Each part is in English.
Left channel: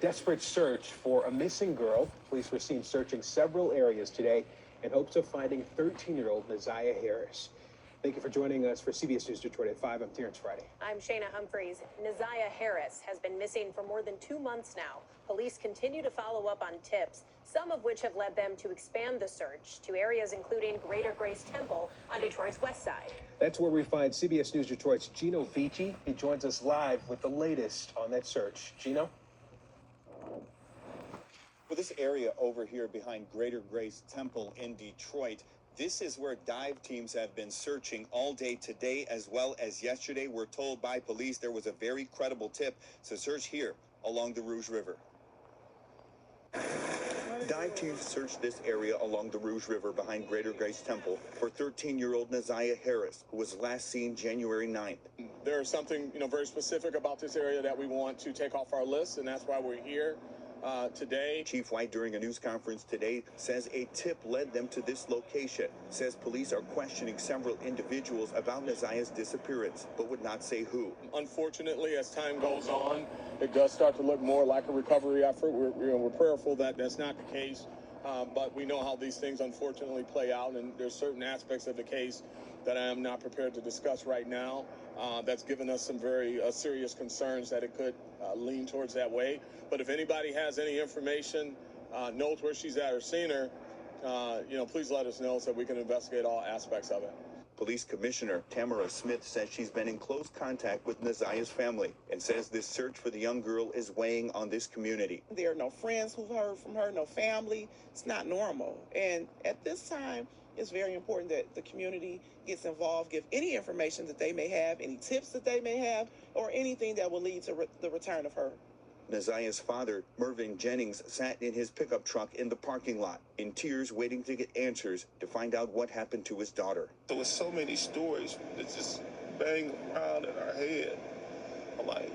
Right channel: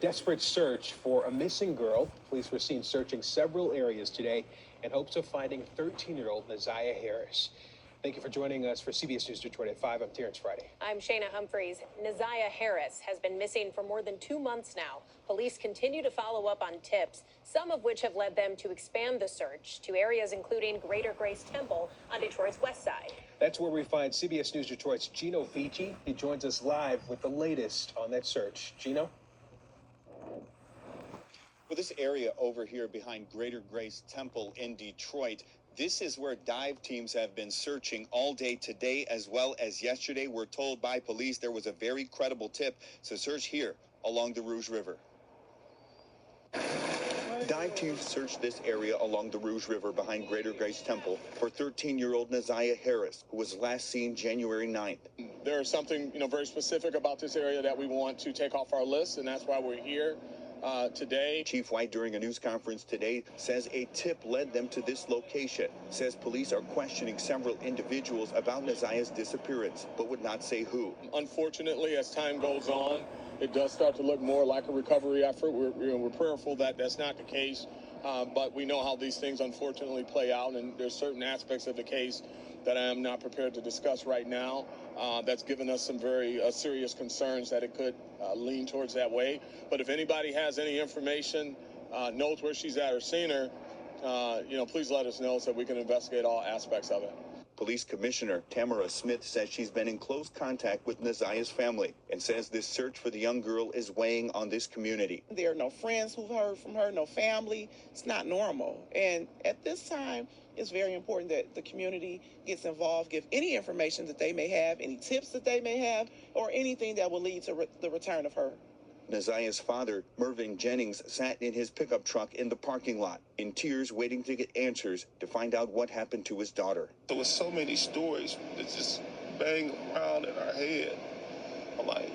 desperate search for a missing girl. Police were seen searching several areas today in hopes of finding 13-year-old Naziah Harris. Thank you for joining us for CBS News Detroit at 5. I'm Terrence Friday. I'm Shayna Humphreys. Naziah Harris has been missing for more than 2 months now. Police continue to follow up on tips, some of which have led them to expand the search to areas including Greater Grace Temple on Detroit's west side. That's where we find CBS News Detroit's Gino Vici. He joins us live with the latest on that search. Gino? Well, this area over here behind Greater Grace Temple in Detroit, this is where dive teams have been searching all day today as well as yesterday. We're told by police there was a very credible tip to search here along the Rouge River. Dive teams searched this area along the Rouge River behind Greater Grace Temple for 13-year-old Naziah Harris, who was last seen January 9th. There's something, very specific about this area that we want to take off our list, and that's why we're here today. Chief White, during a news conference today, says a tip led them to this location. Says police are questioning several individuals about Naziah's disappearance, but would not say who. Unfortunately, as time goes on, it does start to look more like a recovery effort. We're prayerful that that's not the case, but we know how these things unfortunately play out, and there's certain aspects of the case that I am not prepared to discuss right now. That's given us some very serious concerns that it could lean towards that way. But if anybody has any information, knows where she's at or seen her, please let us know so we can investigate all aspects of it. Police Commissioner Tamara Smith says she's been in close contact with Naziah's family and says this search for the young girl is weighing on this community. There are no friends who've heard from her, no family. It's not normal. And at this time, it's very important that the community gets involved, give any information that they may have, any tips that they may have, or anything that will lead to the return of her. Naziah's father, Mervyn Jennings, sat in his pickup truck in the parking lot, in tears waiting to get answers to find out what happened to his daughter. There was so many stories that just bang around in our head. I'm like,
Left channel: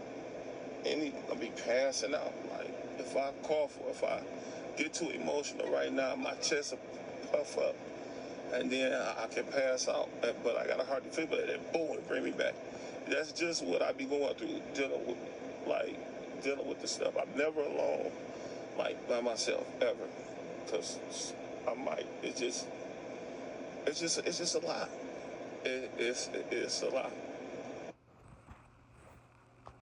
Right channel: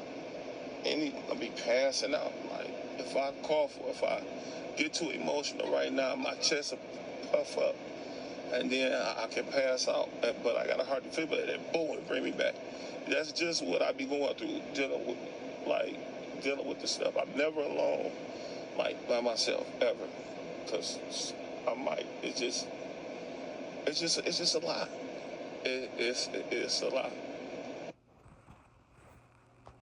I'll be passing out. Like, if I cough or if I get too emotional right now, my chest will puff up. And then I can pass out, but I got a heart defibrillator, and boom, it bring me back. That's just what I be going through, dealing with the stuff. I'm never alone, by myself, ever. Because it's just a lot. It's a lot.